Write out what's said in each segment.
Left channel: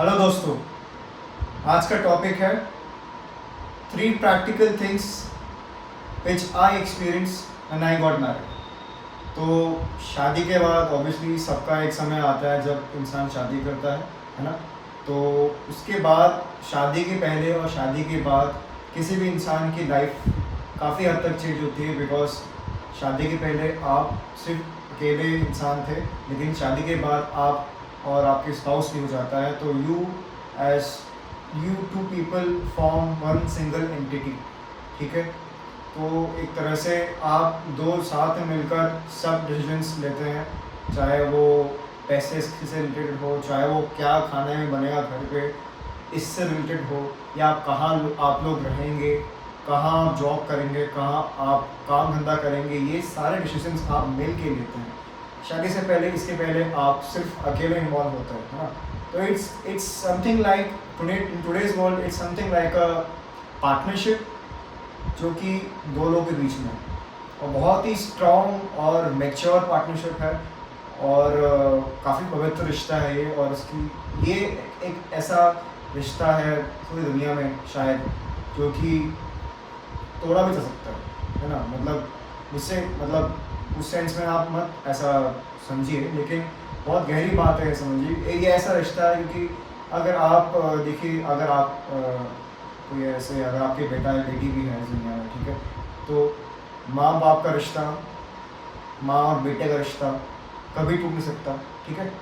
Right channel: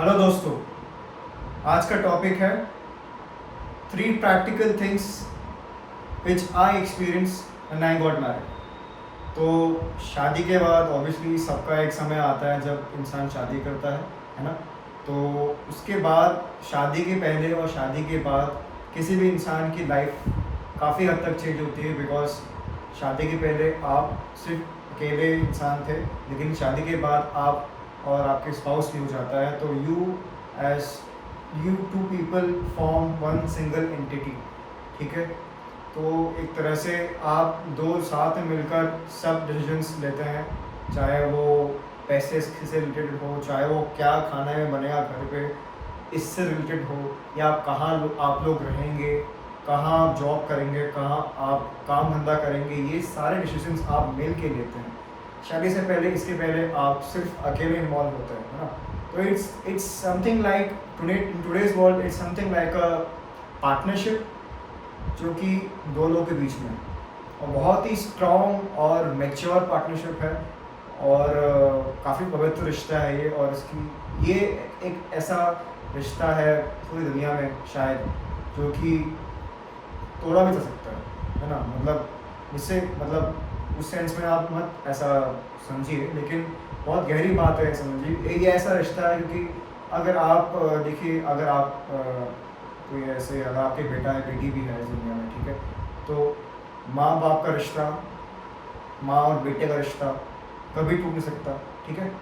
Hello दोस्तों, आज का टॉपिक है 3 practical things which I experienced when I got married। तो शादी के बाद ऑब्वियसली सबका एक समय आता है जब इंसान शादी करता है ना। तो उसके बाद शादी के पहले और शादी के बाद किसी भी इंसान की लाइफ काफ़ी हद तक चेंज होती है। बिकॉज शादी के पहले आप सिर्फ अकेले इंसान थे, लेकिन शादी के बाद आप और आपके स्पाउस भी हो जाता है, तो you two people form one single entity. ठीक है, तो एक तरह से आप दो साथ में मिलकर सब डिसीजंस लेते हैं, चाहे वो पैसे से रिलेटेड हो, चाहे वो क्या खाने में बनेगा घर पे इससे रिलेटेड हो, या कहाँ आप लोग रहेंगे, कहाँ आप जॉब करेंगे, कहाँ आप काम धंधा करेंगे, ये सारे डिसीजंस आप मिल के लेते हैं। शादी से पहले, इसके पहले आप सिर्फ अकेले इन्वॉल्व होते हैं, है ना। तो it's something like today's world, it's something like a partnership जो कि दो लोगों के बीच में है, और बहुत ही स्ट्रॉन्ग और मैच्योर पार्टनरशिप है, और काफ़ी पवित्र रिश्ता है ये। और ये एक ऐसा रिश्ता है पूरी दुनिया में शायद जो कि तोड़ा भी जा सकता है ना। मतलब उस सेंस में आप मत ऐसा समझिए, लेकिन बहुत गहरी बात है समझिए। ये ऐसा रिश्ता है क्योंकि अगर आप देखिए, अगर आप कोई ऐसे, अगर आपके बेटा या बेटी भी है इस दुनिया में, ठीक है, तो माँ बाप का रिश्ता, माँ और बेटे का रिश्ता कभी टूट नहीं सकता। ठीक है,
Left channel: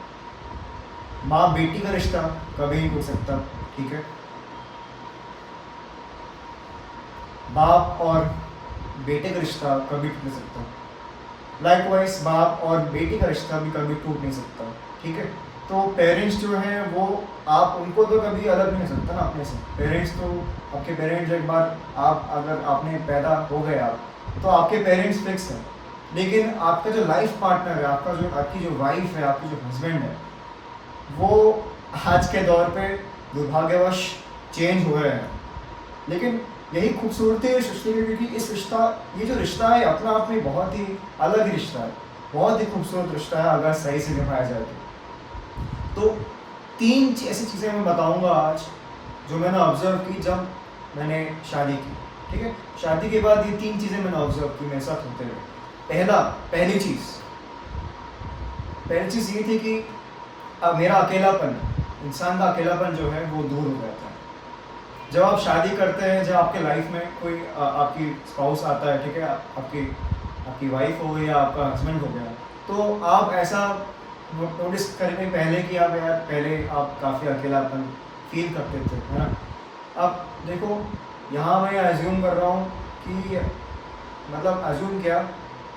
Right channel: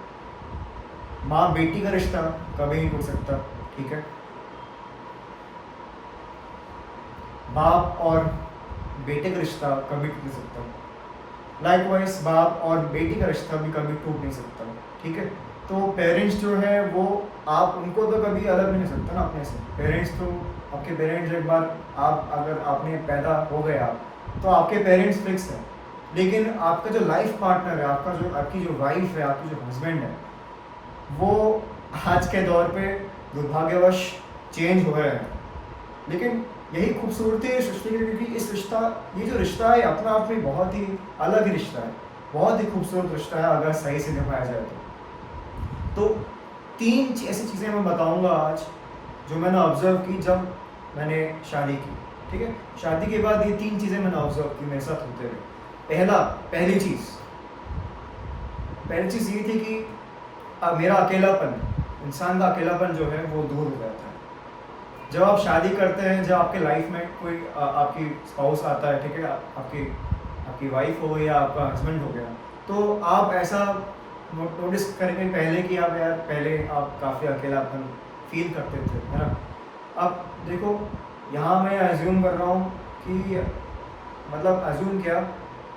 माँ बेटी का रिश्ता कभी नहीं टूट सकता। ठीक है, बाप और बेटे का रिश्ता कभी टूट नहीं सकता। लाइकवाइज बाप और बेटी का रिश्ता भी कभी टूट नहीं सकता। ठीक है, तो पेरेंट्स जो है वो, आप उनको तो कभी अलग नहीं कर सकता ना अपने से। पेरेंट्स तो आपके पेरेंट्स, एक बार आप अगर आपने पैदा हो गए आप, तो आपके पेरेंट्स फिक्स हैं। लेकिन आपका जो लाइफ पार्टनर है, आपकी जो वाइफ है, आपकी जो हस्बैंड है, वो आज के दौर पे दुर्भाग्यवश चेंज हो रहे हैं। लेकिन यही खूबसूरती है सृष्टि की, क्योंकि ये जो रिश्ता है अपना आप में बहुत ही अलग ही रिश्ता है, बहुत ही खूबसूरत रिश्ता है अगर सही से निभाया जाए तो 3 ऐसी चीज़ें मैं बताऊंगा आज जो मैंने ऑब्जर्व की जब मैंने शादी की। ठीक है, शादी के बाद ये 3 चीज़ें मैंने ऑब्जर्व की मेरे साथ होते हुए। पहली चीज़ ये थी कि मेरा अकेलापन, इंसान का अकेलापन जो है वो दूर हो जाता है जब आप शादी करते हैं। जब आपके लाइफ में कोई आपकी स्पाउस आता है, ठीक है, आपकी वाइफ हो गई या आपका हस्बैंड हो गया, तो आप ऐसा नोटिस करेंगे पहले आप काफ़ी अकेलापन फील करते थे, है ना। अब देखो, यहाँ मैं अज्यूम कर रहा हूँ कि मतलब अज्यूम क्या,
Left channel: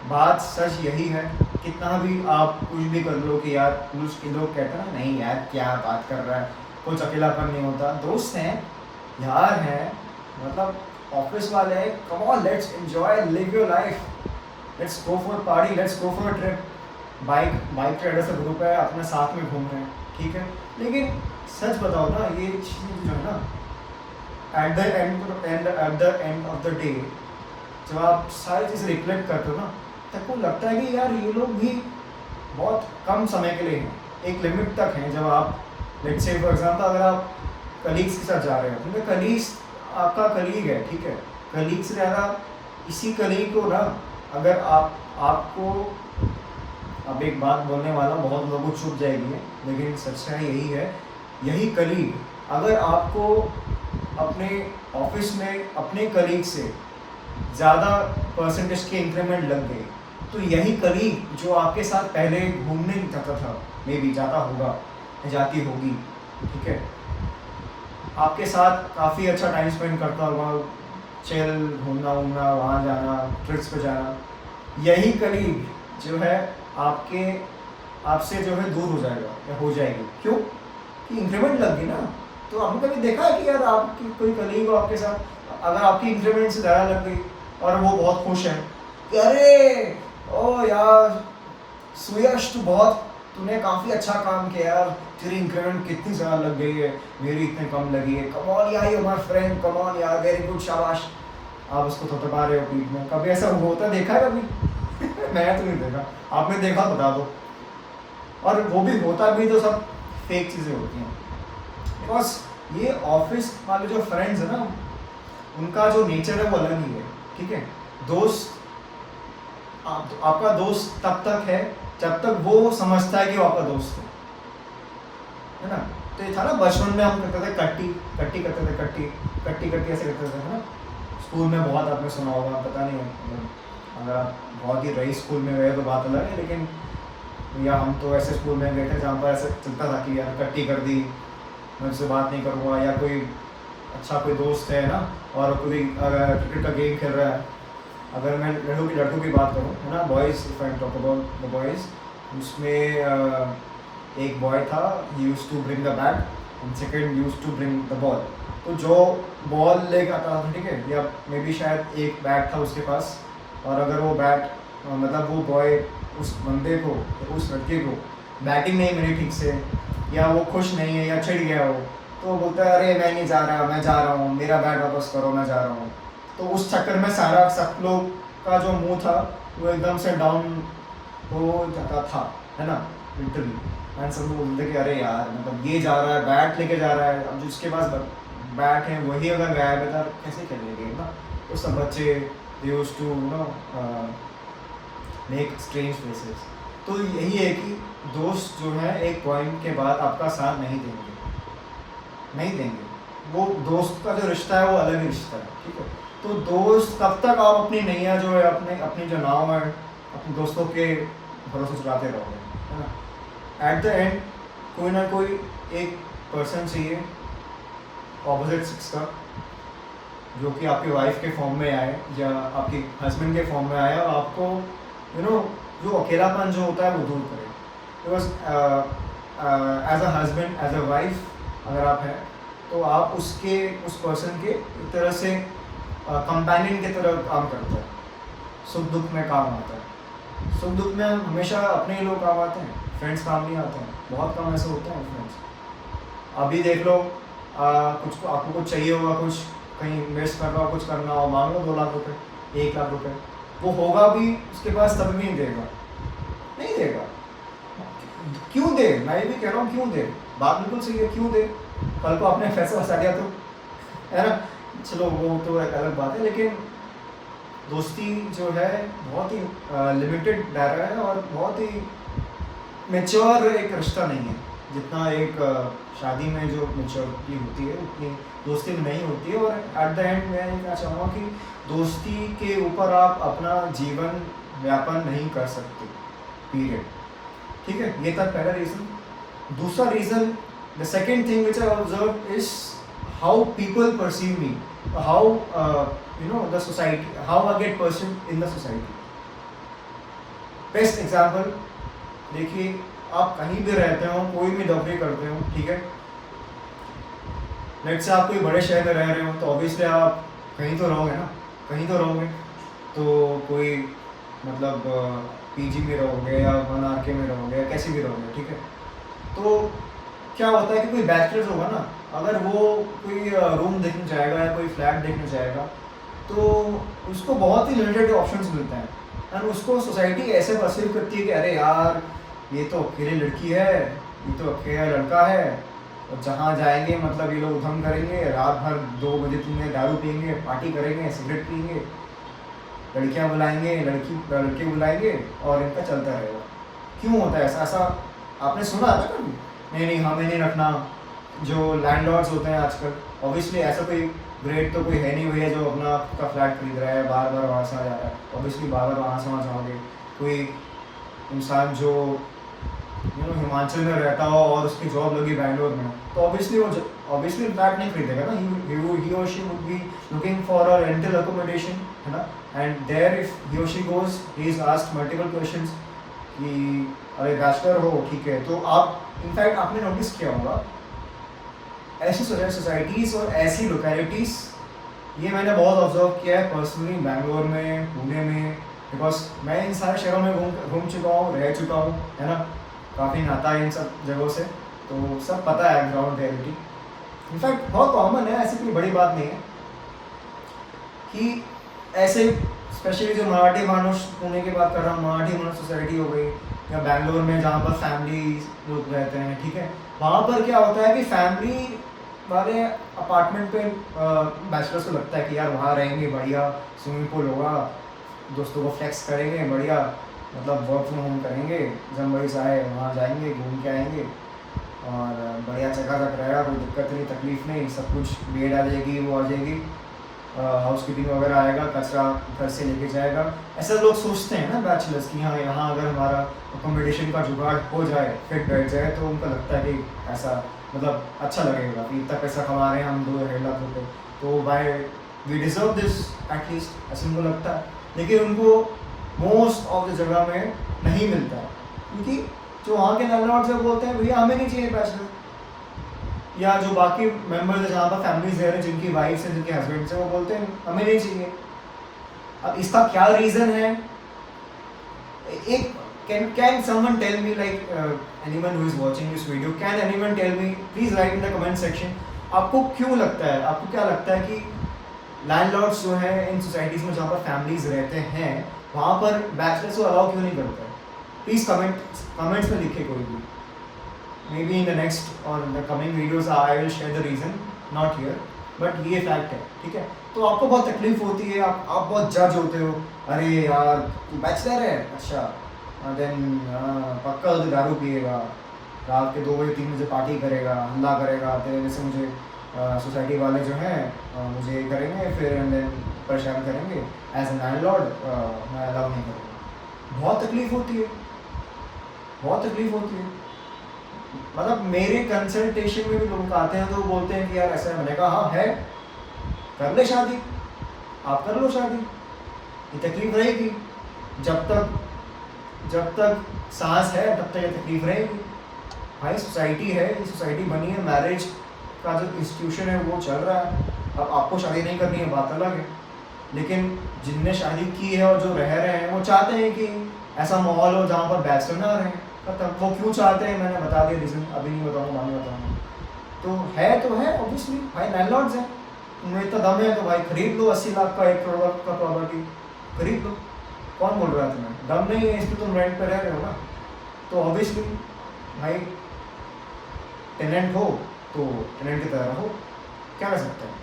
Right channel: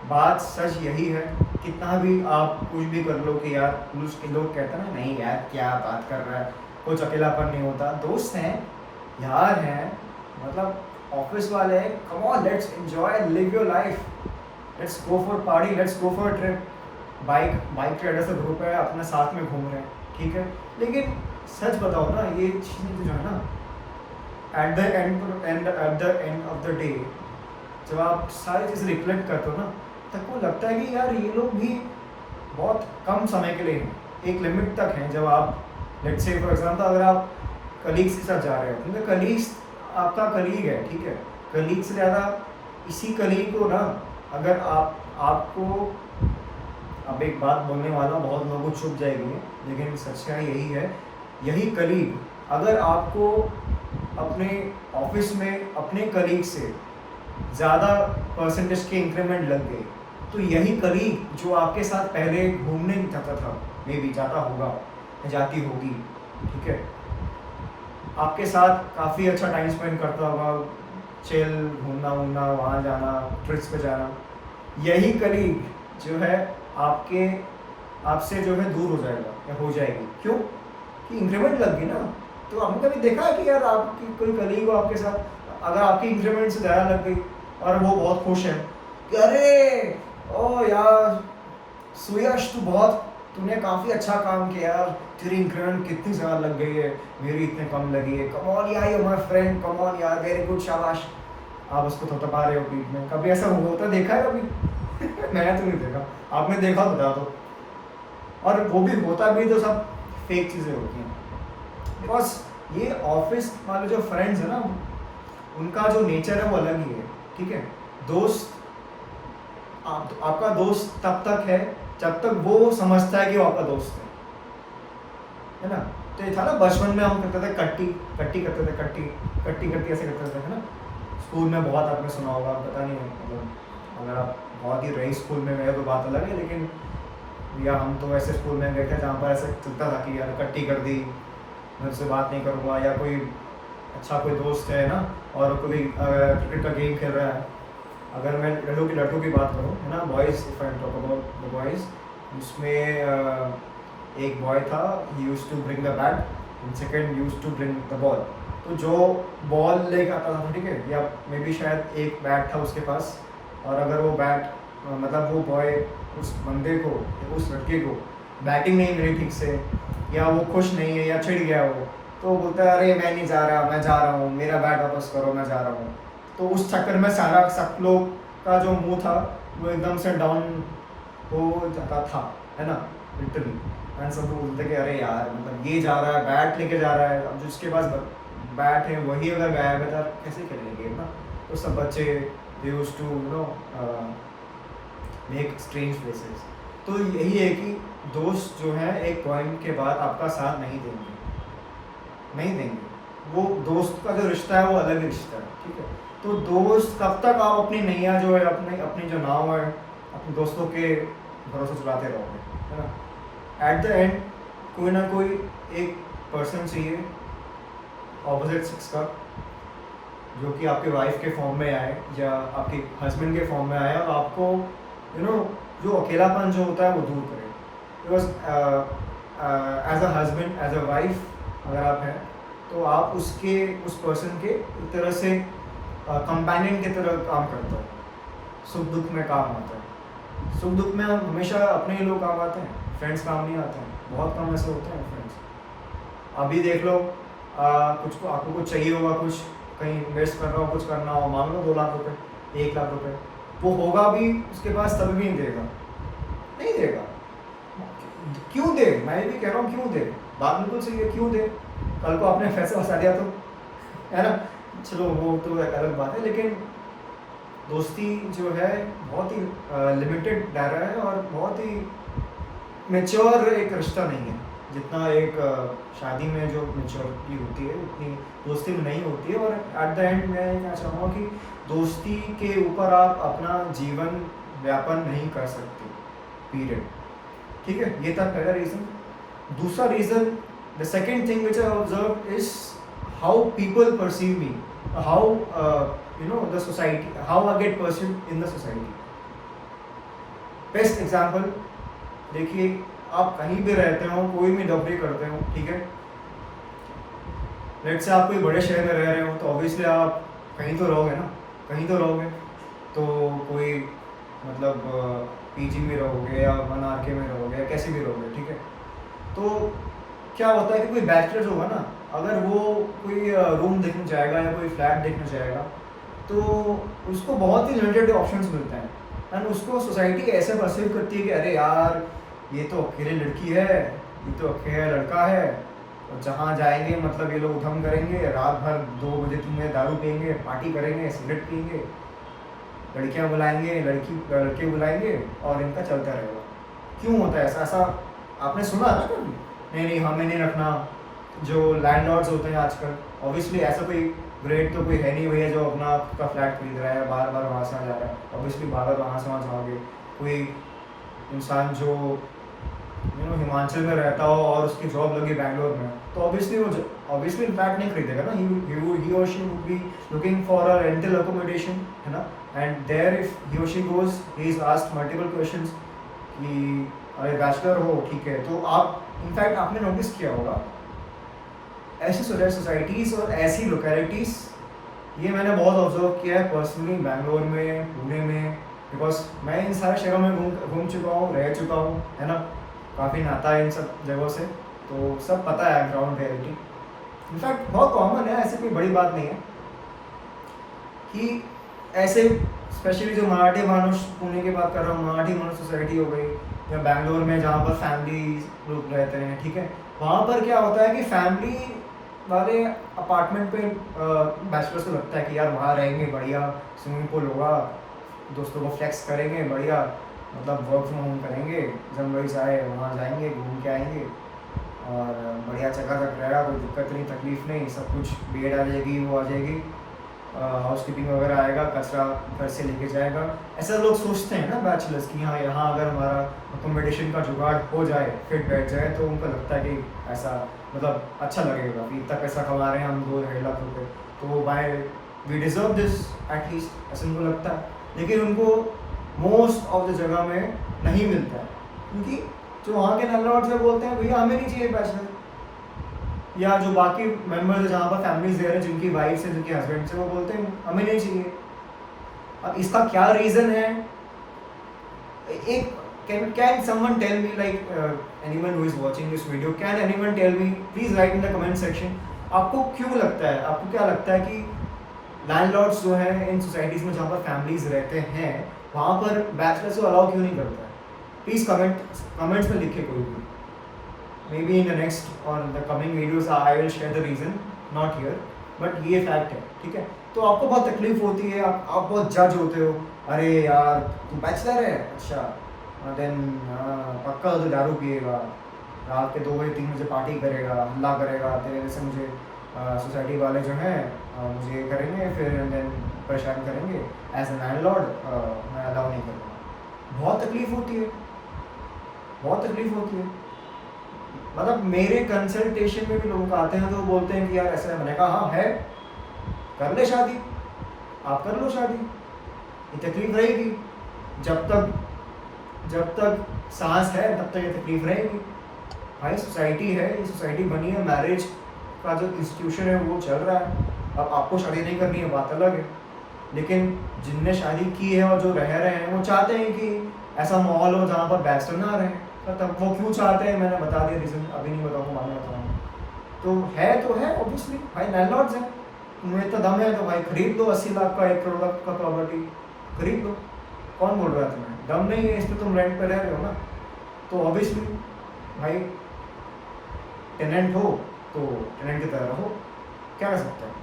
बात सच यही है। कितना भी आप कुछ भी कर लो कि यार, कुछ लोग कहते हैं ना, नहीं यार क्या बात कर रहा है, कुछ अकेलापन नहीं होता। दोस्त हैं, यार हैं, मतलब ऑफिस वाले हैं, come on let's enjoy, live your life, let's go for party, let's go for trip. Bike rider से ग्रुप है, अपने साथ में घूम रहे हैं, ठीक है। लेकिन सच बताओ ना, ये चीज़ें जो है ना, at the end of the day जब आप सारी चीज़ें रिफ्लेक्ट करते हो ना, तब को लगता है कि यार ये लोग भी बहुत कम समय के लिए हैं, एक लिमिट तक हैं। जब आप लेट्स से फॉर एग्जांपल, अगर आप कलीग्स के साथ जा रहे हो, क्योंकि कलीग्स आपका कलीग है, ठीक है, कलीग से ज़्यादा इसी कलीग को ना, अगर आपको, अब एक बात बोलने वाला हूँ, बहुत लोगों को चुप जाएगी, लेकिन सच्चाई यही है, यही कलीग अगर आपको अपने ऑफिस में अपने कलीग से ज़्यादा परसेंटेज के इंक्रीमेंट लग गए, तो यही कलीग जो आपके साथ पहले घूमने जाता था, मे बी जाता होगा, जाती होगी, ठीक है, आपके साथ काफ़ी अच्छा टाइम स्पेंड करता होगा, चिल, घूमना वहाँ जाना, ट्रिप्स पे जाना, यही कलीग जो है आपसे जो है दूर हो जाएगा या हो जाएगी। क्यों? कि इंक्रीमेंट लग गई ना। तो हमने कभी देखा है कि यार आपकी कोई कलीग हो आपके साथ, अगर आपकी इंक्रीमेंट से ज़्यादा लग गई और वो बहुत खुश है, अरे ओ यार सुयश, तूने काफ़ी अच्छा काम किया यार, तेरी इंक्रीमेंट कितनी ज़्यादा लग गई है, मेरी इतने कम लगी है, कम ऑन यार, you my friend, come on यार, वेरी गुड, शाबाश। आप उसको थपथपा रहे हो पीठ में। कभी ऐसा होता देखा है कभी? मैंने तो नहीं देखा, आपने देखा बता दो। और वो भी होता भी तो सब फेक चीज़ें होती हैं। बिकॉज ये ऑफिस वाले जो फ्रेंड्स है ना, उनका जो नेचर है वो अलग ही है, ठीक है। दोस्त आपका दोस्त तब तक है जब तक वो समझता है कि वो आपका दोस्त है ना। तो ये था ना बचपन में हम करते थे कट्टी कट्टी करते थे, कट्टी कट्टी कट्टी ऐसे करते थे, है ना। स्कूल में बहुत आपने सुना होगा, पता नहीं मतलब अगर आप बहुत ही रही स्कूल में गए तो बात अलग है, लेकिन या हम तो ऐसे स्कूल में गए थे जहाँ पर ऐसे चलता था कि यार कट्टी कर दी, मैं उससे बात नहीं करूँगा, या कोई अच्छा कोई दोस्त है ना और कोई क्रिकेट का गेम खेल रहा है, अगर मैं लड़कों की बात करूँ, है ना, boys, if I talk about the boys, उसमें एक बॉय था, he used to bring the bat and second used to bring the ball. तो जो बॉल लेके आता था, ठीक है, या मे बी शायद एक बैट था उसके पास, और अगर वो बैट मतलब वो बॉय उस बंदे को, उस लड़के को बैटिंग नहीं मिली ठीक से, या वो खुश नहीं है या चिढ़ गया हो, तो वो बोलता है अरे मैं नहीं जा रहा, मैं जा रहा हूँ, मेरा बैट वापस करो, मैं जा रहा हूँ। तो उस चक्कर में सारा सब लोग का जो मुंह था वो एकदम से डाउन हो जाता था, है ना, लिटरली। एंड सब लोग बोलते कि अरे यार मतलब ये जा रहा है, बैट लेके जा रहा है, अब जिसके पास बैट है वही अगर गायब है तो कैसे खेलने गेम ना। तो सब बच्चे they used to make strange faces. तो यही है कि दोस्त जो है एक पॉइंट के बाद आपका साथ नहीं देंगे, नहीं देंगे। वो दोस्त का जो रिश्ता है वो अलग ही रिश्ता है, ठीक है। तो दोस्त कब तक आप अपनी नैया जो है, अपनी जो नाव है, अपने दोस्तों के भरोसे चलाते रहोगे, है ना। एट द एंड कोई ना कोई एक पर्सन चाहिए ऑपोजिट सेक्स का, जो कि आपकी वाइफ के फॉर्म में आए या आपके हस्बैंड के फॉर्म में आए, और आपको जो अकेलापन जो होता है वो दूर करे। Because as a husband, as a wife अगर आप हैं तो आप उस पर्सन के एक तरह से कंपेनियन की तरह काम करते हो, सुख दुख में काम आता है। सुख दुख में हमेशा अपने ही लोग काम आते हैं, फ्रेंड्स काम नहीं आते हैं, बहुत कम ऐसे होते हैं फ्रेंड्स। अभी देख लो, कुछ आपको कुछ चाहिए होगा, कुछ कहीं इन्वेस्ट करना हो, कुछ करना हो, मांग लो 2 लाख रुपए, 1 लाख रुपए, वो होगा भी उसके पास तब भी नहीं देगा, नहीं देगा। क्यों दे, मैं ये भी कह रहा हूँ क्यों दे, बात बिल्कुल सही है, क्यों दे, कल को आपने पैसा फंसा दिया तो, है ना। चलो वो तो एक अलग बात है, लेकिन दोस्ती जो है बहुत ही लिमिटेड दायरा है और बहुत ही मेच्योर एक रिश्ता नहीं है। जितना एक शादी में जो मेच्योरिटी होती है उतनी दोस्ती में नहीं होती है। और एट द एंड मैं कहना चाहूँगा कि दोस्ती के ऊपर आप अपना जीवन व्यापन नहीं कर सकते, पीरियड, ठीक है। ये था पहला रीज़न। दूसरा reason, the second thing which I observe is how people perceive me, how the society, how I get perceived in the society. Best example देखिए, आप कहीं भी रहते हो, कोई भी नौकरी करते हो, ठीक है, लेट्स से आप कोई बड़े शहर में रह रहे हो, तो ऑब्वियसली आप कहीं तो रहोगे ना, कहीं तो रहोगे। तो कोई मतलब पीजी में रहोगे या 1 RK में रहोगे या कैसे भी रहोगे, ठीक है। तो क्या होता है कि कोई बैचलर्स होगा ना, अगर वो कोई रूम देखने जाएगा या कोई फ्लैट देखने जाएगा, तो उसको बहुत ही लिमिटेड ऑप्शंस मिलते हैं, एंड उसको सोसाइटी ऐसे परसीव करती है कि अरे यार ये तो अकेली लड़की है, ये तो अकेला लड़का है, और जहाँ जाएंगे मतलब ये लोग उधम करेंगे, रात भर 2 बजे तुम्हें दारू पियेंगे, पार्टी करेंगे, सिगरेट पियेंगे, लड़कियाँ बुलाएंगे, लड़के बुलाएंगे, और इनका चलता रहेगा। क्यों होता है ऐसा? आपने सुना है ना कभी? नहीं हमें नहीं रखना। जो लैंडलॉर्ड्स होते हैं आजकल, ऑब्वियसली ऐसा कोई ग्रेट तो कोई है नहीं भैया जो अपना का फ्लैट खरीद रहा है, बार बार वहाँ से आ जा रहा है, ऑब्वियसली बार बार वहाँ से वहाँ जाओगे। कोई इंसान जो हिमाचल में रहता हो और उसकी जॉब लगी बैंगलोर में, तो ऑब्वियसली फ्लैट नहीं खरीदेगा ना, ही और she would be looking for a rental accommodation, है ना। एंड देयर इफ ही और she goes, he is asked multiple questions कि अरे बैचलर हो, ठीक है। तो आप इनफैक्ट आपने नोटिस किया होगा ऐसी सोसाइटीज़ और ऐसी लोकेलिटीज़, ये मैंने बहुत ऑब्जर्व किया है पर्सनली, बैंगलोर में, पुणे में, बिकॉज मैं इन सारे शहरों में घूम चुका हूँ, रह चुका हूँ, है ना। काफ़ी नाता है इन सब जगहों से, तो सब पता है ग्राउंड रियलिटी। इनफैक्ट बहुत कॉमन है, ऐसी कोई बड़ी बात नहीं है कि ऐसे स्पेशली जो मराठी मानुष, पुणे की बात कर रहा हूँ, मराठी मानुष सोसाइटी हो गई, या बैंगलोर में जहाँ पर फैमिली लोग रहते हैं, ठीक है, वहाँ पर क्या होता है कि फैमिली वाले अपार्टमेंट पे बैचलर्स को लगता है कि यार वहाँ रहेंगे, बढ़िया स्विमिंग पूल होगा, दोस्तों को फ्लेक्स करेंगे, बढ़िया मतलब वर्क फ्रॉम होम करेंगे, जनवरी से आए वहाँ जाएंगे, घूम के आएंगे और बढ़िया चकाचक रहेगा, कोई दिक्कत नहीं, तकलीफ नहीं, सब कुछ बेड आ जाएगी, वो आ जाएगी, हाउस कीपिंग वगैरह आएगा, कचरा घर से लेके जाएगा। ऐसा लोग सोचते हैं ना बैचलर्स कि हाँ यहाँ अगर हमारा अकोमोडेशन का जुगाड़ हो जाए, फिट बैठ जाए, तो उनको लगता है कि ऐसा मतलब अच्छा लगेगा कि इतना पैसा कमा रहे हैं हम 2-2.5 लाख रुपये, तो भाई वी डिज़र्व दिस एटलीस्ट, ऐसा उनको लगता है। लेकिन उनको मोस्ट ऑफ द जगह में नहीं मिलता है, क्योंकि जो वहाँ के लैंडलॉर्ड से बोलते हैं भैया हमें नहीं चाहिए बैचलर, या जो बाकी मेंबर्स है जहाँ पर फैमिलीज रह रहे हैं, जिनकी वाइफ है, जिनके हस्बैंड से, वो बोलते हैं हमें नहीं चाहिए। अब इसका क्या रीज़न है? एक can someone tell me, like anyone who is watching this video, can anyone tell me, please write in the comment section, आपको क्यों लगता है, आपको क्या लगता है कि लैंडलॉर्ड्स जो हैं इन सोसाइटीज़ में जहाँ पर फैमिलीज रहते हैं, वहाँ पर बैचलर्स को अलाउ क्यों नहीं करता है? प्लीज़ कमेंट्स में लिखे कोई भी। Maybe in the next or the coming videos I will share the reason, not here, but ये फैक्ट है, ठीक है। तो आपको बहुत तकलीफ होती है, आप बहुत जज होते हो, अरे यार तू बैचलर है, अच्छा देन पक्का तो दारू पिएगा, रात के 2 बजे 3 बजे पार्टी करेगा, हल्ला करेगा, तेरे जैसे मुझे सोसाइटी वाले जो हैं मुझे ये करेंगे, फिर देन परेशान करेंगे, एज ए लैंडलॉर्ड मैं अलाउ नहीं करूँगा। बहुत तकलीफ होती है, बहुत तकलीफ होती है। मतलब मेरे कंसल्टेशन में भी लोग आते हैं तो बोलते हैं कि यार ऐसा है, मैंने कहा हाँ है, कर ले शादी, आप कर लो शादी, ये तकलीफ रहेगी, जब तक सांस है तब तक ये तकलीफ रहेगी। भाई सोसाइटी है, ये सोसाइटी बनी है, मैरिज का जो इंस्टीट्यूशन है वो चल रहा है। अब आपको शादी नहीं करनी है बात अलग है, लेकिन जिनने शादी की है और जो रह रहे हैं वो चाहते हैं कि ऐसा माहौल हो जहाँ पर बैचलर ना रहे। मतलब वो क्यों चाहते हैं मैंने बता दिया रीज़न, अभी नहीं बताऊँगा, बाद में बताऊँगा। तो है ऑब्वियसली, भाई लैंडलॉर्ड्स हैं, तुम्हें इतना दम है तो भाई खरीद लो 80 लाख का 1 करोड़ का प्रॉपर्टी, खरीद लो। कौन बोल रहा है तुम्हें दम नहीं है, इसमें तुम रेंट पे रह रहे हो ना, तो ऑब्वियसली भाई टेनेंट हो तो टेनेंट की तरह रहो, क्या कर सकते हैं।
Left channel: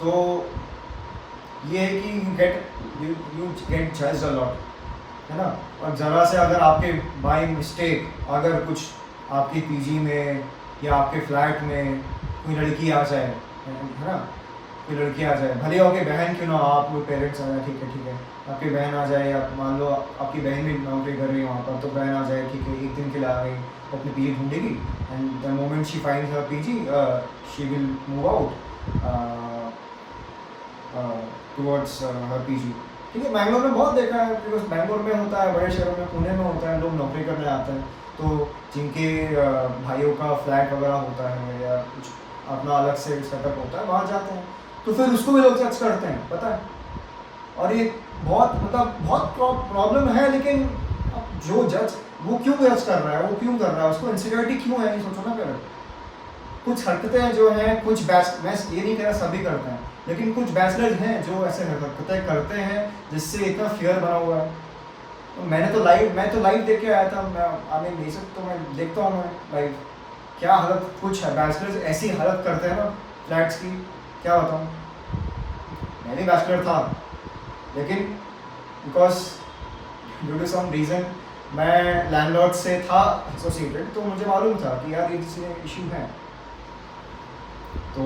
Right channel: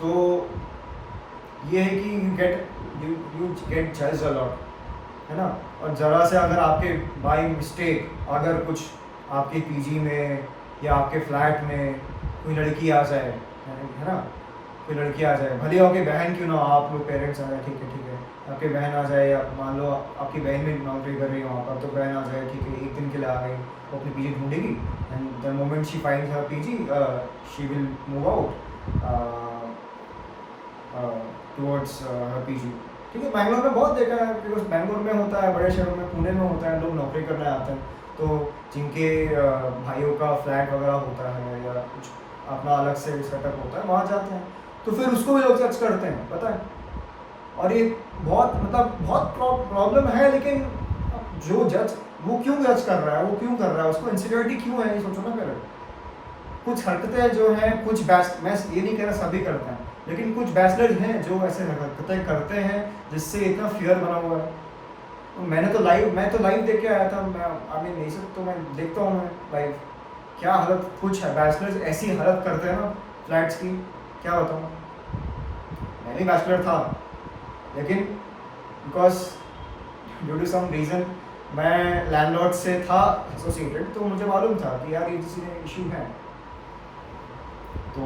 तो ये है कि you get judged a lot, है ना। और ज़रा से अगर आपके बाई मिस्टेक अगर कुछ आपके पीजी में या आपके फ्लैट में कोई लड़की आ जाए, है ना, कोई लड़की आ जाए, भले आपकी बहन क्यों ना, आप लोग पेरेंट्स हैं, ठीक है, आपकी बहन आ जाए, या मान लो आपकी बहन भी नौकरी कर रही है वहाँ पर, तो बहन आ जाए, ठीक है, एक दिन के लिए आ गई, वो अपनी पीजी ढूंढेगी, and the moment she finds her PG she will move out towards her PG. ठीक है, बैंगलोर में बहुत देखा है, बिकॉज बैंगलोर में होता है, बड़े शहरों में, पुणे में होता है, लोग नौकरी करने आते हैं, तो जिनके भाइयों का फ्लैट वगैरह होता है या कुछ अपना अलग से सेटअप होता है, वहाँ जाते हैं, तो फिर उसको भी लोग जज करते हैं, पता है। और ये बहुत प्रॉब्लम है, लेकिन जो जज, वो क्यों जज कर रहा है, वो क्यों कर रहा है, उसको इनसिक्योरिटी क्यों है, नहीं सोचो ना पहले। कुछ हरकतें जो हैं, कुछ मैं ये नहीं कह रहा सभी करते हैं, लेकिन कुछ बैचलर्स हैं जो ऐसे हरकतें करते हैं जिससे इतना फियर बना हुआ है। तो मैं तो लाइव देख के आया था, मैं नहीं सकता, तो मैं देखता हूँ मैं लाइव, क्या हालत कुछ है, बैचलर्स ऐसी हालत करते हैं ना फ्लैट्स की, क्या बताऊँ। मैं भी बैचलर था, लेकिन because due to some reason मैं लैंडलॉर्ड से था एसोसिएटेड, तो मुझे मालूम था कि यार ये चीज़ें इशू हैं। तो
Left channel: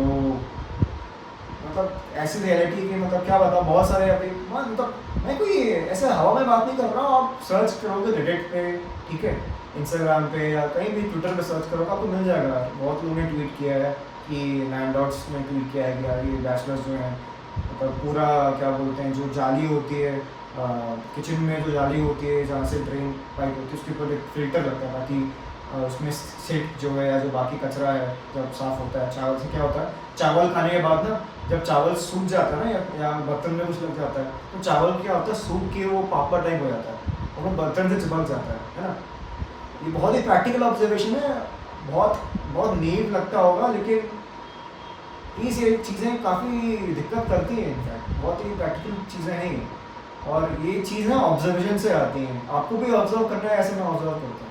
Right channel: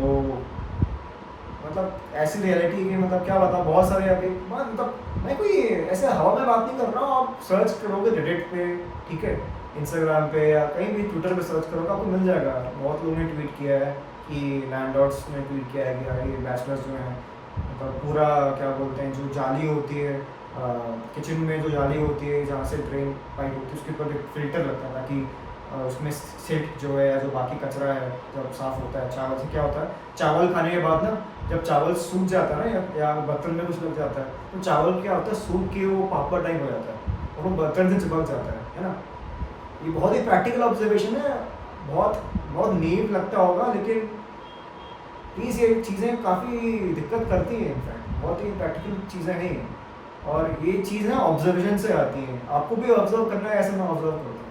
मतलब ऐसी रियलिटी की, मतलब क्या बताऊँ, बहुत सारे अभी मतलब मैं कोई ऐसे हवा में बात नहीं कर रहा हूँ, आप सर्च करोगे रेडिट पे, ठीक है, इंस्टाग्राम पे या कहीं भी ट्विटर पे सर्च करोगे आपको मिल जाएगा। बहुत लोगों ने ट्वीट किया है कि लैंडलॉर्ड्स ने ट्वीट किया है कि यार ये बैचलर्स जो हैं, मतलब पूरा क्या बोलते हैं, जो जाली होती है किचन में, जो जाली होती है जहाँ से ड्रेन पाइप होती है, उसके ऊपर एक फिल्टर लगता है ताकि उसमें सिट जो है या जो बाकी कचरा है जब साफ़ होता है। चावल से क्या होता है, चावल खाने के बाद ना जब चावल सूख जाता है ना, या बर्तन में कुछ लग जाता है, तो चावल क्या होता है, सूख के वो पापड़ टाइप हो जाता है और वो बर्तन से चिपक जाता है ना। ये बहुत ही प्रैक्टिकल ऑब्जर्वेशन है, बहुत नीव लगता होगा, लेकिन प्लीज़ ये चीज़ें काफ़ी दिक्कत करती हैं, इनफैक्ट बहुत ही प्रैक्टिकल चीज़ें नहीं हैं, और ये चीज़ें ऑब्जर्वेशन से आती हैं। आपको भी ऑब्जर्व करना है, ऐसे मैं ऑब्जर्व करता हूँ।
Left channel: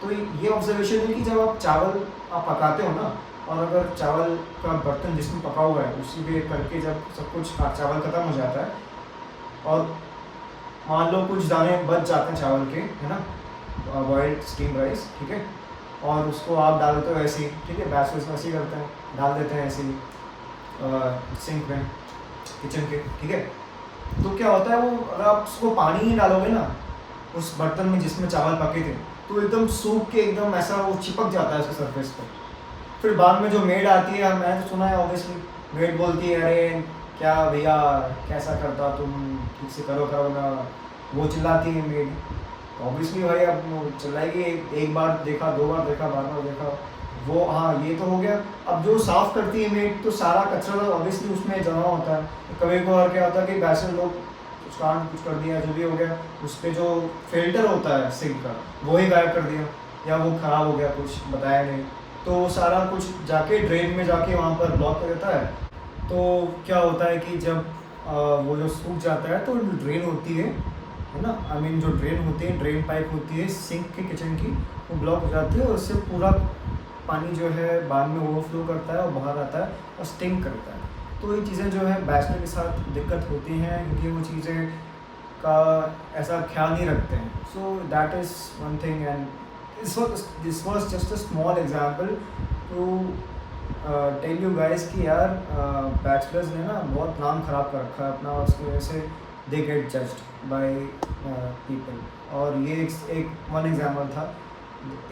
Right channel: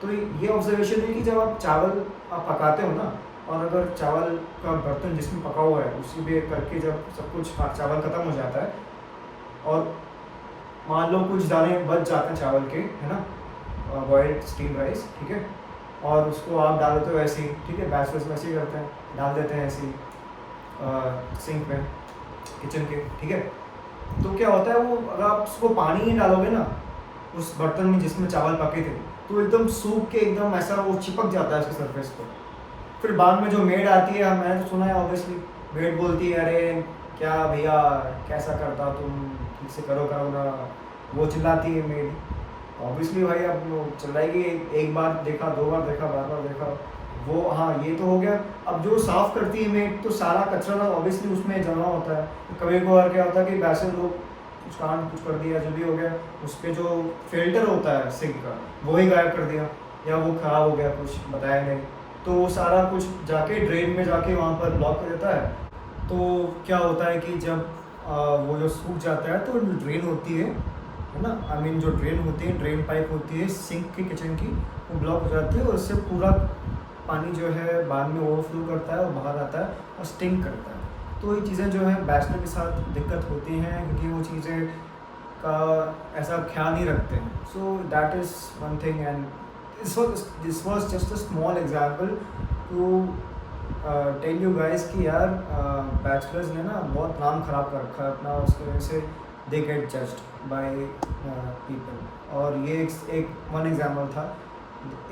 तो ये ऑब्जर्वेशन है कि जब आप चावल आप पकाते हो ना, और अगर चावल का बर्तन जिसमें पका हुआ है उसी में करके जब सब कुछ चावल ख़त्म हो जाता है और मान लो कुछ दाने बच जाते हैं चावल के, है ना, बॉइल्ड स्टीम राइस, ठीक है, और उसको आप डाल देते हो ऐसे ही, ठीक है, बैचलर्स में ऐसे ही करते हैं, डाल देते हैं ऐसे ही सिंक में किचन के, ठीक है। तो क्या होता है, वो अगर आप उसको पानी ही डालोगे ना उस बर्तन में जिसमें चावल पके थे, तो एकदम सूख के एकदम ऐसा वो चिपक जाता है उसके सरफेस पर। फिर बाद में जो मेड आती है, मैंने तो सुना है ऑब्वियसली, मेड बोलती है अरे क्या भैया कैसा करता हो तुम, ठीक से करो करो ना, वो चिल्लाती है मेड। ऑब्वियसली भाई अब वो चिल्लाएगी, एक बार देखा, दो बार देखा, बार बार देखा, वो हाँ ये तो हो गया। अब जो साफ़ करती है मेड तो सारा कचरा ऑब्वियसली उसमें जमा होता है। कभी कभार क्या होता है कि वैसे लोग कुछ कर दिया, जो भी हो गया, उस पर जो फिल्टर होता है सिंक का वो ही गायब कर दिया, या वो ख़राब हो गया, कुछ बताया नहीं, तो वो सारा कुछ जाके ड्रेन में जाके वहाँ पर ब्लॉक कर देता है। तो क्या होता है कि जब वो जो सूख जाता है तो ड्रेन होती है ना, आई मीन जो ड्रेन होती है, ड्रेन पाइप होती है सिंक की, किचन की, वो ब्लॉक हो जाती है और उससे पूरा पानी जो है बाद में ओवरफ्लो करता है और बाहर आता है और स्टिंक करता है। तो ये चीज़ें जो है बैचलर के साथ दिक्कत होती हैं क्योंकि वो चीज़ें का ऐसा ख्याल नहीं रखते हैं। So that is one thing, and this was just a small example to tell you guys कि यार बैचलर्स ने ना बहुत नाम ख़राब कर रखा है अपना, उसकी वजह से they get judged by people. और ये एक वन एग्जाम्पल था।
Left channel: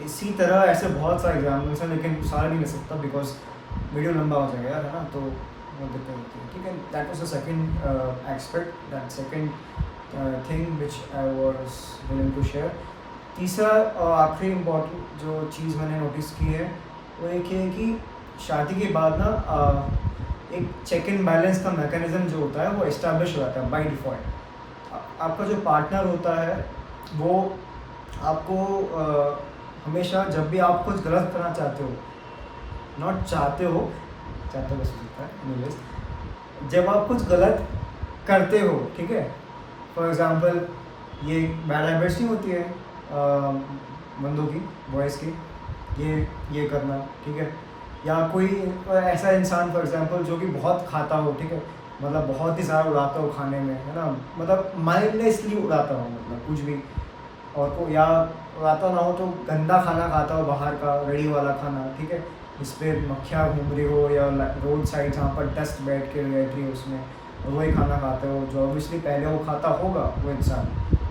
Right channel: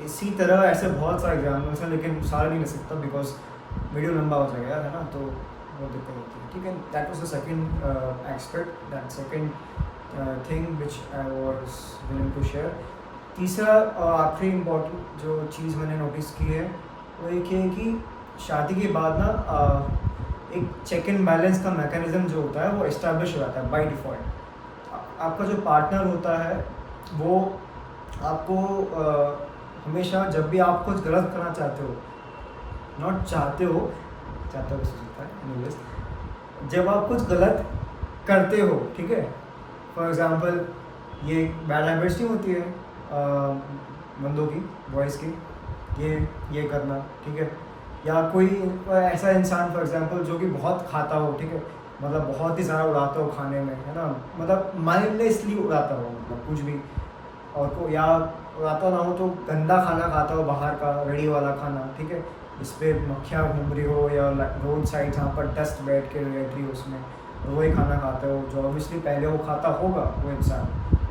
इसी तरह ऐसे बहुत सारे एग्जाम्पल्स हैं, लेकिन सारे नहीं ले सकता बिकॉज वीडियो लंबा हो जाएगा यार, है ना, तो वो दिक्कत होती है, ठीक है। That was the second aspect, that second thing which I was willing to share. तीसरा और आखिरी इम्पोर्टेंट जो चीज़ मैंने नोटिस की है वो एक है कि शादी के बाद ना एक चेक एंड बैलेंस का मैकेनिज़्म जो होता है वो इस्टेब्लिश हो जाता है बाय डिफ़ॉल्ट। आपका जो पार्टनर होता है वो आपको हमेशा जब भी आप कुछ गलत करना चाहते हो, नॉट चाहते हो, चाहते हो सकता है एनीवेज, जब आप कुछ गलत करते हो, ठीक है, फॉर एग्ज़ाम्पल ये बैड हैबिट्स नहीं होती है बंदों की, बॉयज़ की, ये करना, ठीक है, या कोई ऐसा इंसान फॉर एग्जांपल जो कि बहुत खाता हो, ठीक है, मतलब बहुत ही ज़्यादा उड़ाता हो खाने में, है ना, मतलब माइंडलेसली उड़ाता हो, मतलब कुछ भी, और को या उड़ाता ना हो तो गंदा खाना खाता हो, बाहर का रेडी वाला खाना, ठीक है, इस पर मक्खियाँ घूम रही हो या रोड साइड जहाँ पर डस्ट बैठ के बैठ रही हो उसमें, वही खाना खाते हो जो ऑब्वियसली पहले वो खाता होगा वो इंसान।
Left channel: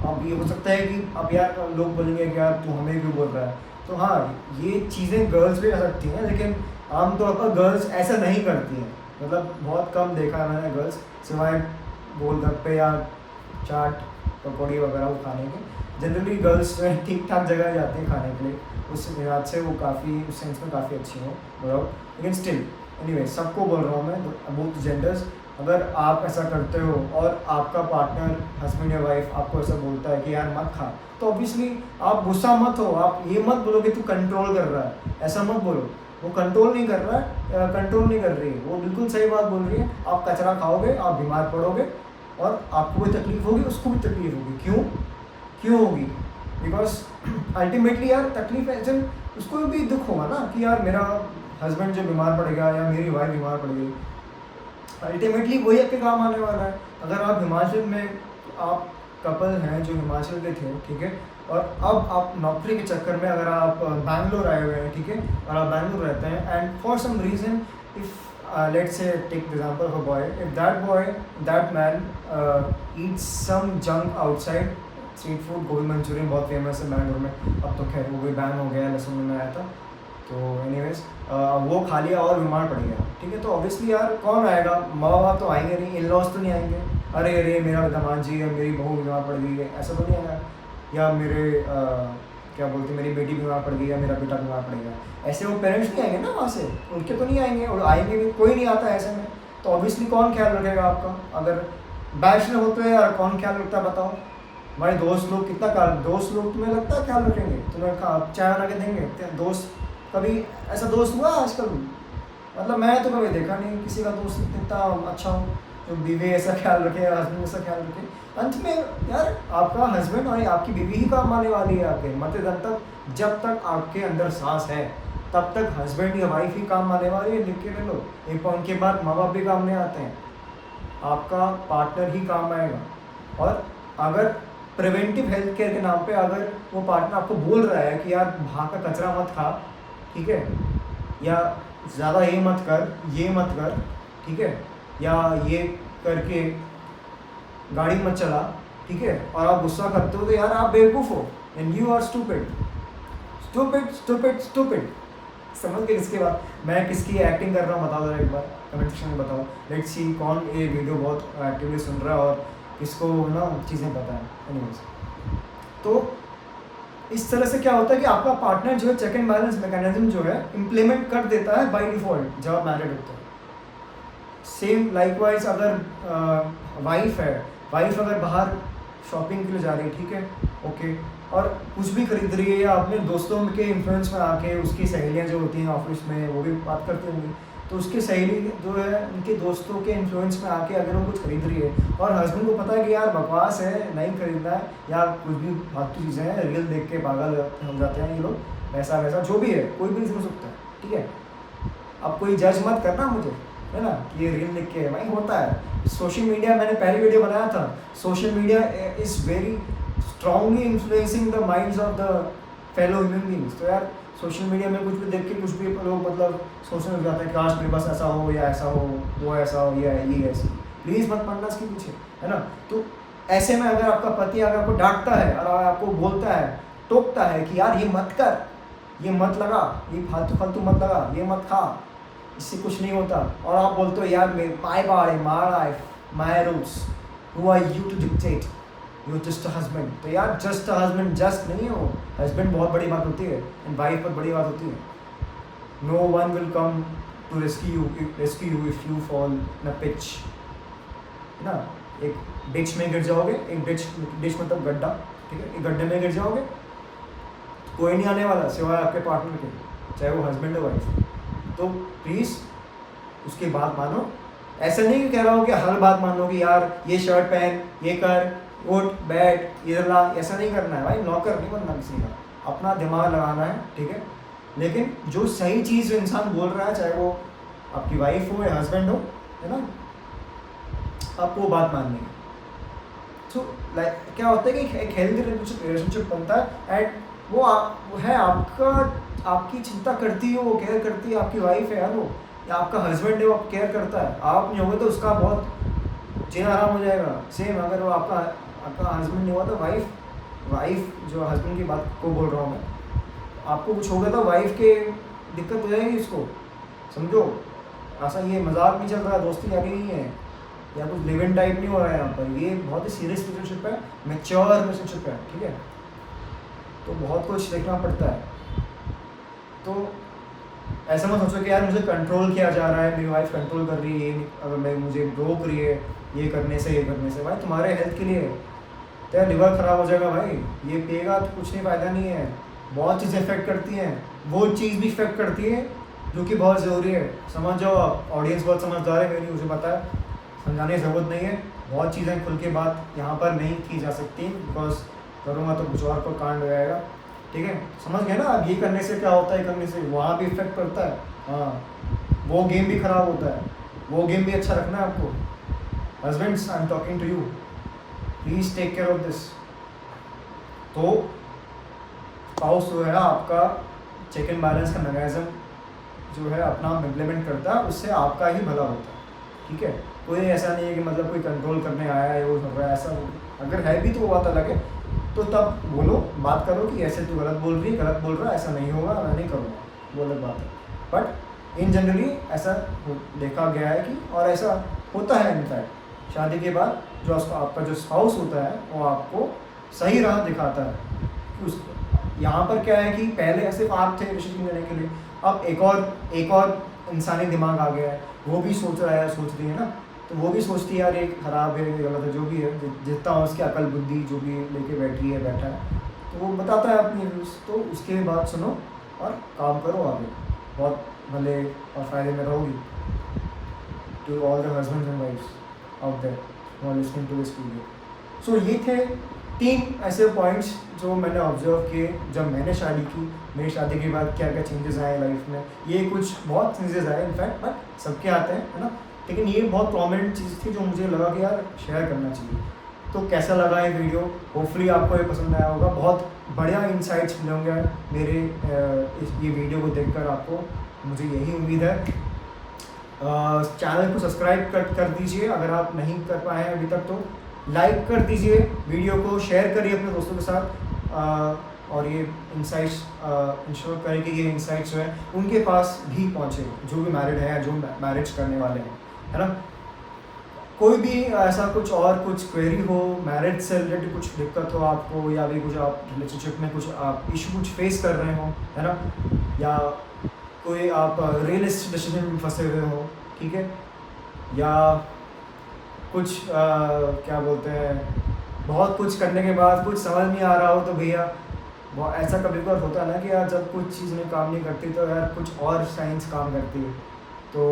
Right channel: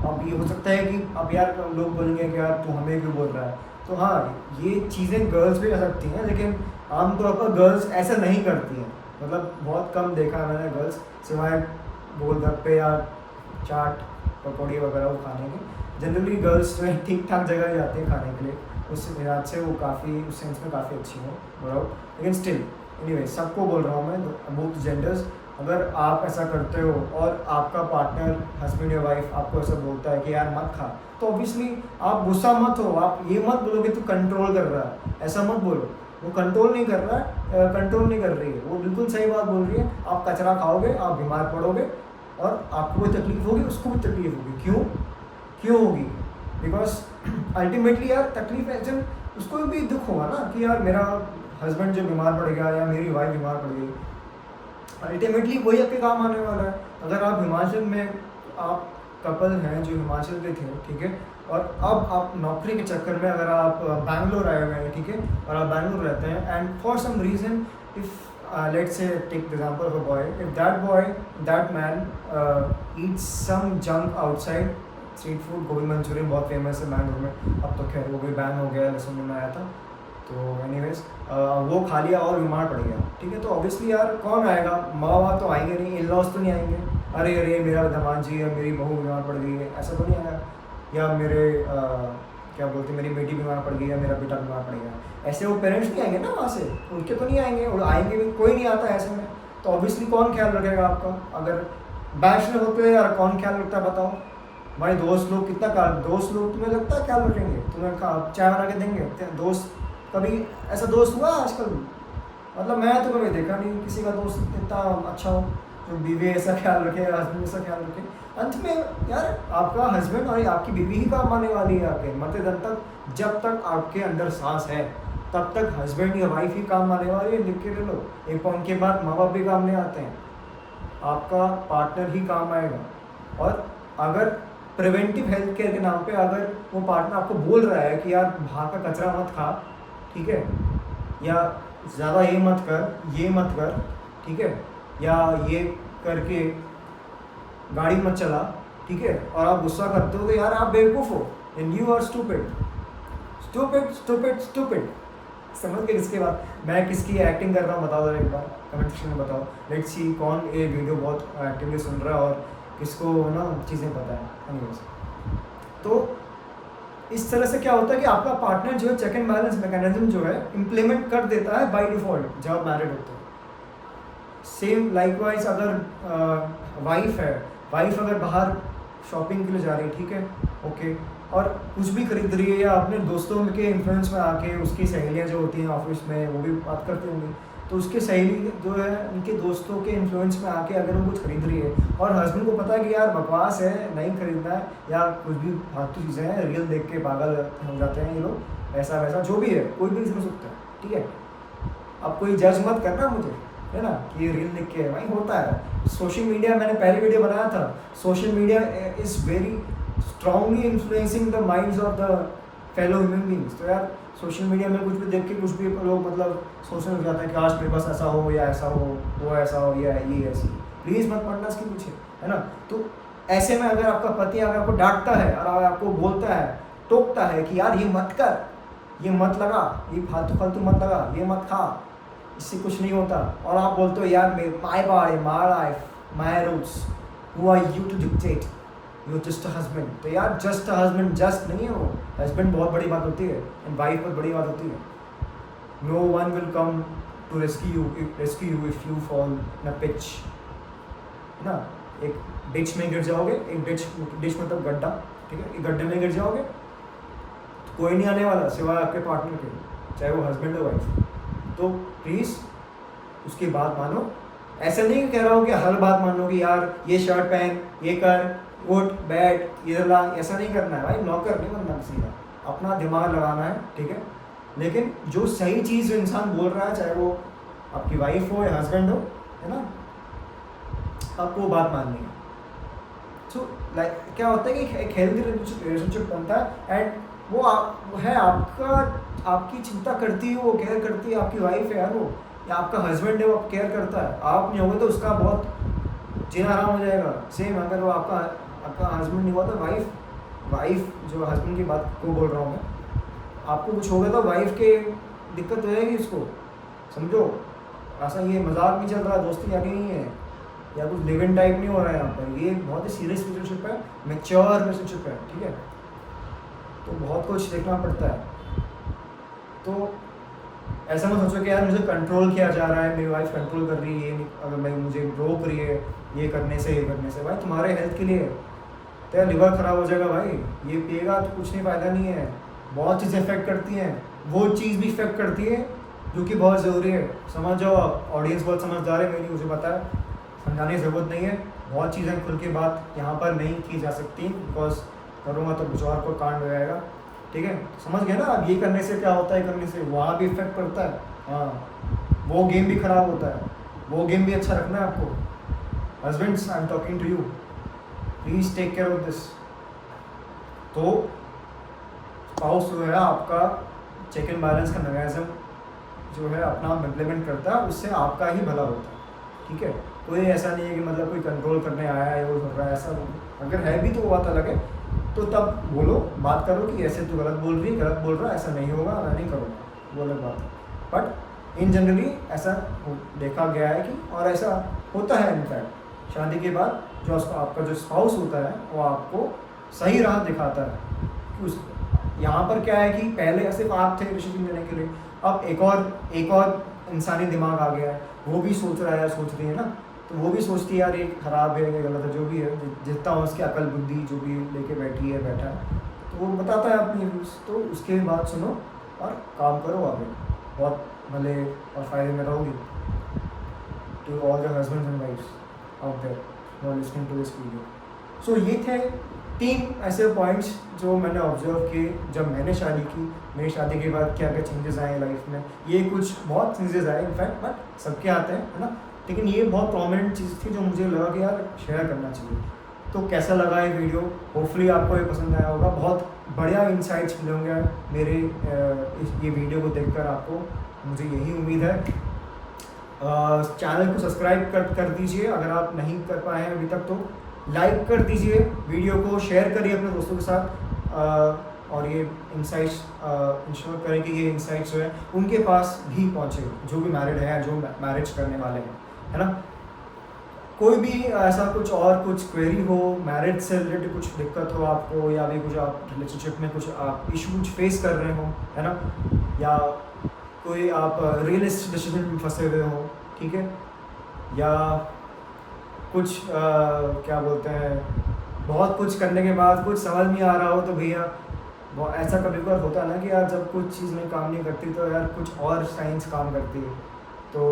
अब ये हो सकता है कि अब यार लोग बोलेंगे कि यार तू हमें क्यों बोल रहा है, तो हाँ ये चीज़ें गर्ल्स भी कर सकती हैं, लेकिन आमतौर पर गर्ल्स ऐसा नहीं करती हैं, मतलब बहुत कम देखा है मैंने गर्ल्स, सिवाय गोलगप्पे या चाट पकौड़ी वगैरह वो खाने के। जनरली गर्ल्स जो है ठीक ठाक जगह जाती हैं खाने के लिए, उस लिहाज से वो काफ़ी उस सेंस में काफ़ी अच्छी हो विदाउट, लेकिन स्टिल एनीवे सबको बोल रहा हूँ मैं, बोथ जेंडर्स, अगर आप ऐसा करते हो और आपका पार्टनर हस्बैंड या वाइफ आपको ऐसा बोलता है कि यार मत खा, तो ऑब्वियसली आप गुस्सा मत हो, आप ये मत बोलो कि तू कंट्रोल कर रहा है, ऐसा मत बोलो, वो कंट्रोल नहीं कर रहा है, कंट्रोल नहीं कर रही है, वो बिल्कुल सही बात बोल रही है। आप कचरा खाओगे, आप बीमार पड़ोगे और आपको कोई तकलीफ होगी, उसको भी तकलीफ होगी। क्यों होगी? बिकॉज अल्टीमेटली यार तकलीफ ऐसे उसको भी दुख होगा ना कि यार मेरा हस्बैंड जो बीमार पड़ गया या मेरी वाइफ बीमार पड़ गई, अल्टीमेटली वही आपके काम आने वाला है। अगर आप हिमाचल में, आप कपल हैं जो हिमाचल के थे, ठीक है, और अब आप नौकरी के चक्कर में अगर आप बैंगलोर आए हुए हैं, ठीक है, और आप बैंगलोर रहते हैं and for some reason if let's say take the example of a boy, if that man eats some junk outside, street food, gobi Manchurian बहुत फेमस है बैंगलोर में, अब तो खैर वो भी बैन हो गया, लहसुन में आया था, तो एनीवेज वो खा लिया और बीमार पड़ गया, ठीक है, तो ऑब्वियसली यार कौन आएगा? माँ बाप तो आएंगे नहीं, इन लॉज तो नहीं आएंगे, अरे मेरा दामाद जी या मेरी बहू बीमार पड़ गई है, ऐसा तो नहीं आएगा, या मेरे क्या बोलते हैं, मेरी बेटी बीमार पड़ गई या मेरा बेटा बीमार पड़ गया, ऐसे वो पेरेंट्स नहीं आएंगे ना वहाँ से, उनके तो नहीं आएंगे, और आएंगे भी, कोई नहीं आता ऐसे में, तो ऑब्वियसली कौन ख्याल रखेगा आपका? अगर बैचलर होते हो यार कौन ख्याल रखता है बताओ भाई? दोस्त लोग दोस्त लोग तुम्हें लगता है ख्याल रखेंगे? तुम्हें चाय बना के देंगे? दोस्त कभी ऐसा दोस्त हुआ आजकल? मतलब मैं तो कभी देखा नहीं किसी का दोस्त इतना अच्छा हो जो बीवी ऐसा ख्याल रखे, हस्बैंड ऐसा ख्याल रखे। अंत में यार आपका हस्बैंड और आपकी बीवी ही काम आने वाली है आपके मरते दम तक, जब तक आपके अंदर सांस है, तब तक हस्बैंड या वाइफ ही काम आने वाली है, लिख के ले लो। एक पॉइंट के बाद माँ बाप भी काम नहीं आते हैं, आपका पार्टनर ही काम आएगा। और अगर प्रिवेंटिव हेल्थ केयर के नाम पे अगर वो पार्टनर आपको बोल रहा है कि यार बाहर का कचरा मत खा, ठीक है, या ज़्यादा ये मत कर, ठीक है, या ये करके गाड़ी मत चला, ठीक है, और आप गुस्सा करते हो तो यार आप बेवकूफ़ हो, एंड यू आर स्टूपिड। समझ गए? इसके बाद मैं किसकी एक्टिंग कर रहा हूँ बताओ जरा एक बार कमेंट सेक्शन में बताओ। लेट्स सी कौन ये वीडियो बहुत एक्टिवली सुन रहा है और किसको ना चीज़ें पता है। एनीवेज, तो इस तरह से क्या होता है कि आपका पार्टनर जो है चेक एंड बैलेंस मैकेनिज्म जो है इम्प्लीमेंट कर देता है बाय डिफ़ॉल्ट जब आप मैरिड होते हैं। सेम लाइकवाइज अगर वाइफ अगर बाहर शॉपिंग के लिए जा रही है, ठीक है, ओके, और कुछ भी खरीद रही है या अपने दोस्तों के इन्फ्लुएंस में आके, उसकी सहेलियाँ जो होती हैं ऑफिस में वो भी बात करती होंगी, तो उसकी सहेली जो है उनके दोस्तों के इन्फ्लुएंस में आके अगर वो कुछ खरीद रही है और हस्बैंड को पता है कि यार बकवास है, नहीं खरीदना है, या कुछ भी फालतू चीज़ें हैं, रील देख के पागल हो जाते हैं ये लोग, ऐसा वैसा जो भी है, कोई भी हो सकता है, ठीक है। अब कोई जज मत करना मुझे, है ना, कि ये रील देख के भाई होता है। सोशल मीडिया, मैंने पहले वीडियो बनाया था, social media is very strongly influencing the minds of the fellow human beings. तो यार सोशल मीडिया में कुछ भी देख के कुछ भी लोग मतलब सोचने लग जाते हैं कि आज मेरे पास ऐसा हो या ऐसा हो, वो ऐसा हो या ये ऐसी। प्लीज़ मत पढ़ना इसके पीछे, है ना। तो ऐसे में अगर आपका पति अगर आपको डांटता है और आपको बोलता है, टोकता है कि यार ये मत कर, ये मत लगा, ये फालतू मत लगा, ये मत खा, इससे कुछ नहीं होता, और आप बोलते हो यार my body my life my rules, who are you to dictate, you just a husband. तो यार जस्ट अ हस्बैंड जस्ट नहीं हो, हस्बैंड बहुत बड़ी बात होती है एंड वाइफ बहुत बड़ी बात होती है। No one will come to rescue you if you fall in a pitch, है ना। एक डिच में गिर जाओगे, एक डिच मतलब गड्ढा, ठीक है, एक गड्ढे में गिर जाओगे तो कोई नहीं आने वाला सिवाय आपके पार्टनर के, चाहे वो हस्बैंड हो वाइफ। तो प्लीज़ उसकी बात मानो। ऐसा नहीं कह रहा हूँ कि हर बात मानो कि यार ये शर्ट पहन, ये कर, उठ बैठ, इधर ला, ऐसा नहीं करना है भाई, नौकर नहीं बनना किसी का, अपना दिमाग लगाना है, ठीक है। लेकिन जो सही चीज़ इंसान बोल रहा है, चाहे वो आपकी वाइफ हो या हस्बैंड हो, है ना, आपको वो बात माननी है। सो लाइक क्या होता है कि एक हेल्दी रिलेशनशिप बनता है एंड वो है आपका, आपकी चिंता करती है, वो केयर करती है, आपकी वाइफ है यार वो, या आपका हस्बैंड है वो केयर करता है। आप नहीं होगे तो उसका बहुत जीना आराम हो जाएगा। सेम अगर वो आपका हस्बैंड नहीं हुआ तो वाइफ जो हस्बैंड की बात को बोल रहा हूँ मैं, आपको कुछ हो गया तो वाइफ के दिक्कत हो जाएगी इसको, समझो। ऐसा ये मजाक नहीं चल रहा, दोस्ती जाके नहीं है, या कुछ लिव इन टाइप नहीं हो रहा है यहाँ पर, ये बहुत ही सीरियस रिलेशनशिप है, मैच्योर रिलेशनशिप है, ठीक है। तो बहुत कुछ देखना पड़ता है। तो ऐसा मत सोचो कि यार मुझे कंट्रोल किया जा रहा है, मेरी वाइफ कंट्रोल कर रही है, अगर मैं मुझे रोक रही है ये करने से भाई तुम्हारे हेल्थ के लिए, तेरा लिवर ख़राब हो जाएगा भाई, ये पिएगा तो कुछ नहीं, फ़ायदा नहीं है। बहुत चीज़ें इफेक्ट करती हैं, वो चीज़ भी इफेक्ट करती है जो कि बहुत ज़रूरी है। समझ जाओ, ऑडियंस बहुत समझदार है मेरी, मुझे पता है, समझाने की ज़रूरत नहीं है। बहुत चीज़ें खुल के बात यहाँ पर नहीं की जा सकती, बिकॉज करूँगा तो कुछ और को कांड हो जाएगा, ठीक है। समझ गए ना, अब ये करने से क्या होता है, करने से वहाँ भी इफेक्ट पड़ता है, हाँ, वो गेम भी ख़राब होता है, वो गेम भी अच्छा रखना है आपको। Husbands, I am talking to you, please take care of this. तो स्पाउस जो है आपका चेक एंड बैलेंस का मैकेनिज्म जो है अपना इम्प्लीमेंट करता है, उससे आपका ही भला होता है, ठीक है। कोई ऐसा नहीं है कि मतलब कोई कंट्रोल करने आया है, वो कर रहा है, ऐसा अगर है भी तो वो बात अलग है, तो तब बोलो, बात करो कि ऐसे तू गलत बोल रही है, गलत बोल रहा है, ऐसा नहीं होगा, मैं नहीं करूँगा, वो अलग बात है। बट इन जनरली ऐसा देखा गया है कि, और ऐसा होता है इनफैक्ट, शादी के बाद जो आपका जो स्पाउस होता है वो आपको सही राह दिखाता है कि उस यहाँ पर क्या है कि पहले सिर्फ आप थे डिसीजन लेने के लिए, अब एक और इंसानी दिमाग आ गया है, वो भी सोच रहा है, सोच रही है ना, तो वो भी सोचती है यार ये ख़राब है, ये गलत है, जो भी है, जितना हो उसकी अकल बुद्धि जो भी लेके बैठा है, तो वो बताता है अपनी व्यूज़। तो उसके बाद सुनो और काम करो आगे, बहुत भले और फ़ायदे में रहोगी। To all the husbands and wifes out there who are listening to this video. So ये थे 3 ऐसे पॉइंट्स जो मैंने ऑब्जर्व किए जब मैंने शादी की, मेरी शादी के बाद क्या क्या चेंजेस आए लाइफ में। ये कुछ बहुत चेंजेस आए इनफैक्ट, बट सबके आते हैं, है ना। लेकिन ये बहुत प्रोमिनेंट चीज़ थी जो मुझे लगा कि यार शेयर करना चाहिए। तो कैसा लगा ये वीडियो, होपफुली आपको ये पसंद आया होगा। बहुत बढ़िया इंसाइट्स मिले होंगे मेरे ये वीडियो को देखकर आपको, मुझे यही उम्मीद है। चैनल को सब्सक्राइब कर दीजिए अगर आप नहीं कर पाए हैं अभी तक, तो लाइक कर दीजिए, वीडियो को शेयर करिए अपने दोस्तों के साथ, और ये इंसाइट्स इंश्योर करें कि ये इंसाइट्स जो है उनके पास भी पहुँचे, जो भी मैरिड है, जो मैरिज करने वाले हैं, है ना। कोई भी ऐसा कुछ क्वेरी हो, मैरिज से रिलेटेड कुछ दिक्कत हो आपको, या भी कुछ आप रिलेशनशिप में कुछ आप इशू कुछ फेस कर रहे हो, है ना, या कोई आप रियलिस्ट डिसीजन में फंसे हुए हो, ठीक है, या कुछ क्या बोलते हैं, बहुत कुछ करने के बाद कुछ समझ नहीं आ रहा हो, तो भैया वो ऐसा कभी कभार होता है ना कि यार जब कुछ चीज़ में काम नहीं करती तो यार कुछ और साइंस काम करती है। तो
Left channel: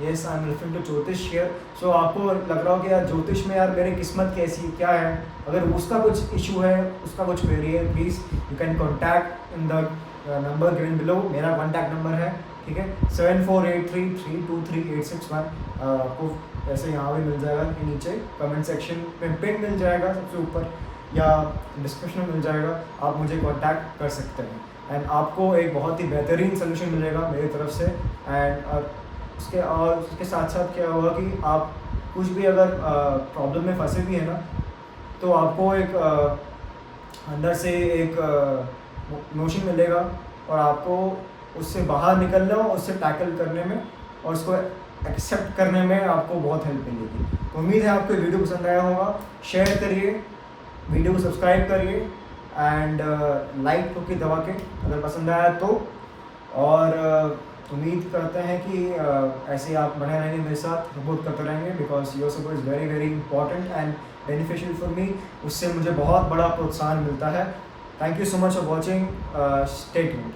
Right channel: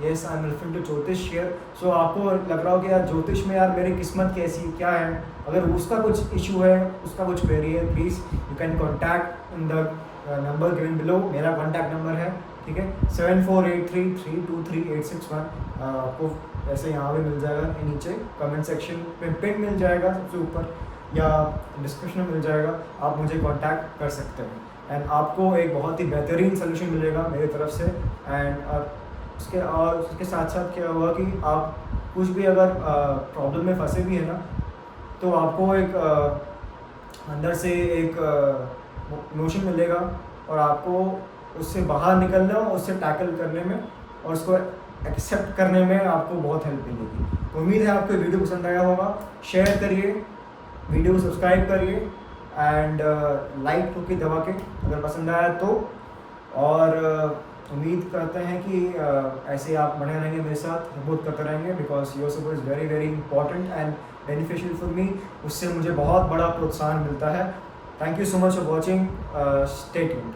yes, I am referring to Jyotish here. So आपको लग रहा हो कि यार ज्योतिष में यार मेरी किस्मत कैसी क्या है, अगर उसका कुछ इशू है, उसका कुछ क्वेरी है, please you can contact in the number given below. मेरा कॉन्टैक्ट नंबर है, ठीक है, 7483323861। आपको ऐसे यहाँ भी मिल जाएगा, नीचे कमेंट सेक्शन में पिन मिल जाएगा सबसे ऊपर, या डिस्क्रिप्शन में मिल जाएगा, आप मुझे कांटेक्ट कर सकते हैं। एंड आपको एक बहुत ही बेहतरीन सोल्यूशन मिलेगा मेरी तरफ से। एंड उसके साथ साथ क्या होगा कि आप कुछ भी अगर प्रॉब्लम में फंसे भी है ना, तो आपको एक अंदर से एक नोशन मिलेगा, और आपको उससे बाहर निकलने और उससे टैकल करने में और उसको एक्सेप्ट करने में आपको बहुत हेल्प मिलेगी। तो उम्मीद है आपको वीडियो पसंद आया होगा। शेयर करिए, वीडियो को सब्सक्राइब करिए, एंड लाइक ठोकी दबा के अगर पसंद आया तो। और उम्मीद करते हैं कि ऐसे आप बने रहेंगे मेरे साथ, सपोर्ट करते रहेंगे, because your support is very very important and beneficial for me. उससे मुझे बहुत बड़ा प्रोत्साहन मिलता है। Thank you so much for watching, stay tuned.